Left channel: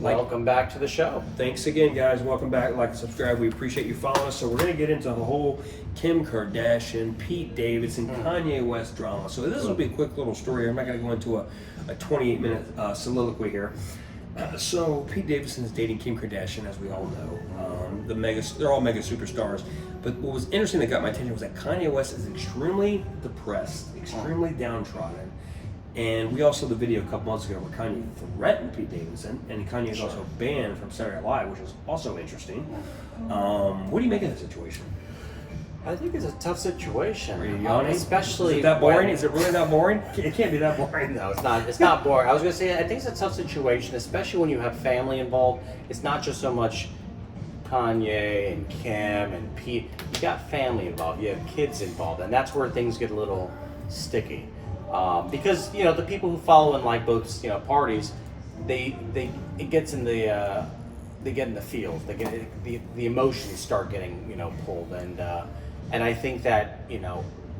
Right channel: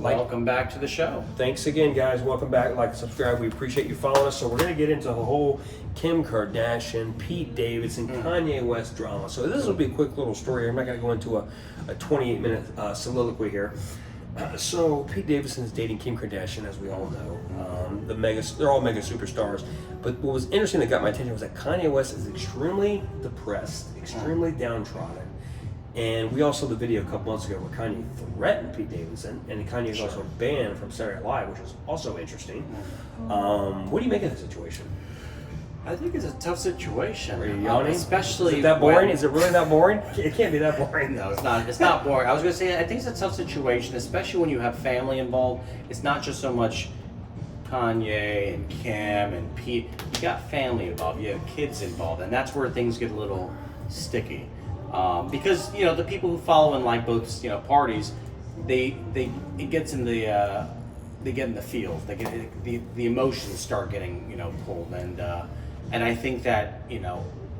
Welcome back to the show. Thanks again, guys. Welcome back. Like and subscribe. We appreciate you following us. So we're going to get into the whole Kim Kardashian, Pete Davidson, Kanye West drama. So this will be a quick little story. I'm not going to go into a 28-minute soliloquy here. So Pete Davidson is dating Kim Kardashian, as we all know. They're all mega superstars. But what was interesting that got my attention was that Kanye West is extremely depressed, extremely downtrodden. And we also saw the video a couple months ago where Kanye threatened Pete Davidson, and Kanye is also banned from Saturday Night Live, which is also interesting. What do you make of the situation? I think it's a tough situation. Are you yawning? Especially is it that boring? Is it really that boring? It can't be that boring. No, it's not. It's not boring. I was going to say, I think it's a tough situation, especially when you have family involved. It's not just so much Kanye and Kim and Pete. You got family involved. You have kids involved, and that's where things get a little sticky. Because the people who follow and like both parties, they get in the field. They get the emotions start getting pulled, and I think that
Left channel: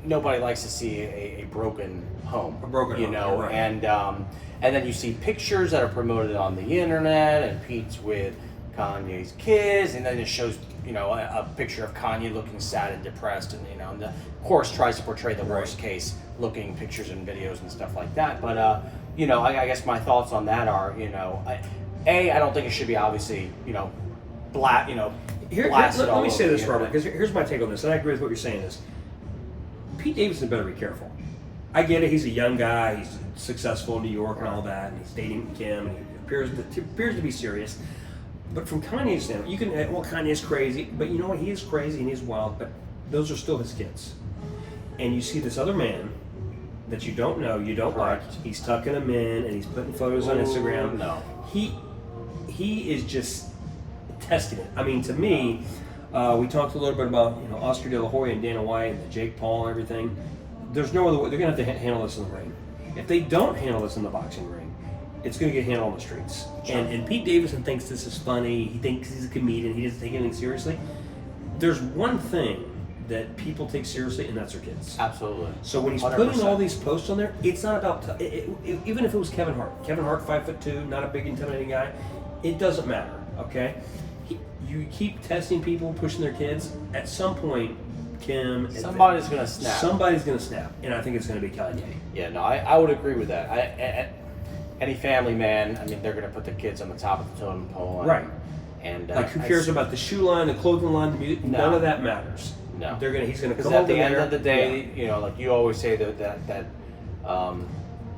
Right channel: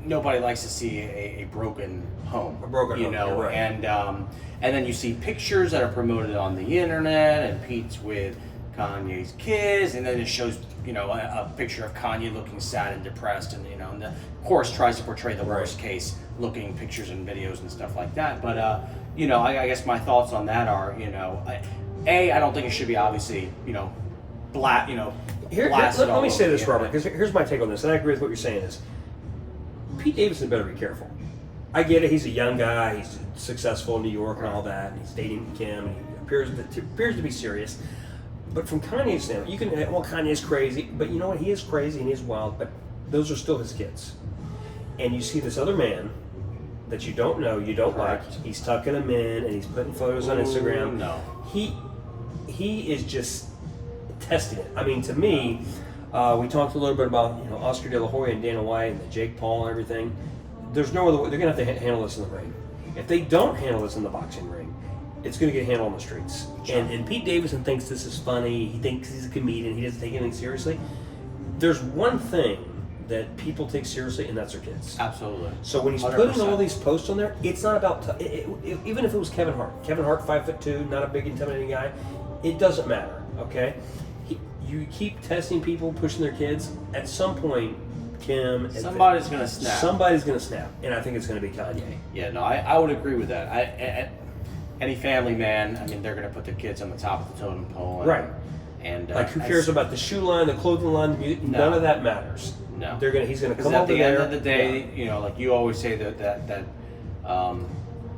nobody likes to see a broken home. A broken home, right. And then you see pictures that are promoted on the internet, and Pete's with Kanye's kids, and then it shows a picture of Kanye looking sad and depressed, and and the course tries to portray the worst case looking pictures and videos and stuff like that. But I guess my thoughts on that are I don't think it should be obviously blasted. Let me say this, Robert, because here's my take on this, and I agree with what you're saying is Pete Davidson better be careful. I get it, he's a young guy, he's successful in New York and all that, and he's dating Kim, and he appears to be serious. But from Kanye's standpoint, you can, Kanye's crazy, but you know what, he is crazy and he's wild, but those are still his kids. And you see this other man that you don't know, you don't like, he's tucking them in, and he's putting photos on Instagram. No. He is just testing it. I mean, to me, we talked a little bit about Oscar De La Hoya and Dana White and Jake Paul and everything. There's no other way. They're going to have to handle this in the ring. If they don't handle this in the boxing ring, it's going to get handled on the streets. Sure. And Pete Davidson thinks this is funny. He thinks he's a comedian. He doesn't take anything seriously. There's one thing that people take seriously, and that's their kids. Absolutely. So when he's 100%. Putting all these posts on there, it's not about even if it was Kevin Hart. Kevin Hart, 5'2", not a big intimidating guy. It doesn't matter. Okay, you keep testing people, pushing their kids. At some point, Kim, somebody's going to snap. Somebody's going to snap, and I think it's going to be Kanye. Yeah, no, I would agree with that. Any family man, I mean, they're going to put their kids on the top of the totem pole. Right. And like, who cares about the shoe line, the clothing line, the music? No. None of that matters. No. He's going to come over there. At the end of the day, like you always say that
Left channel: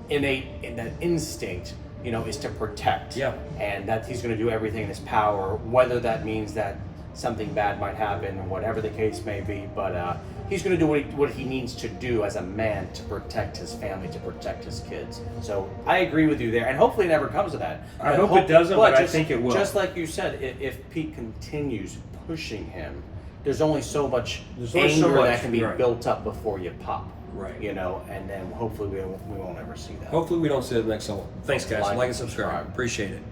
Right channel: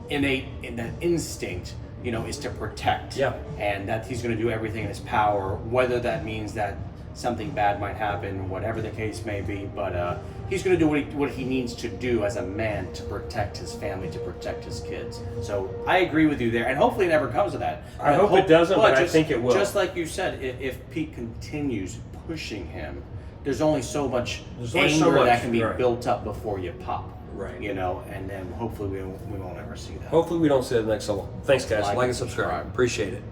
innate in that instinct, is to protect. Yeah. And that he's going to do everything in his power, whether that means that something bad might happen, whatever the case may be. But he's going to do what he needs to do as a man to protect his family, to protect his kids. So I agree with you there, and hopefully it never comes to that. I hope it doesn't, but I think it will. Just like you said, if Pete continues pushing him, there's only so much anger that can be built up before you pop. Right. And then hopefully we won't ever see that. Hopefully we don't see it next level. Thanks, guys. Like and subscribe. Appreciate it.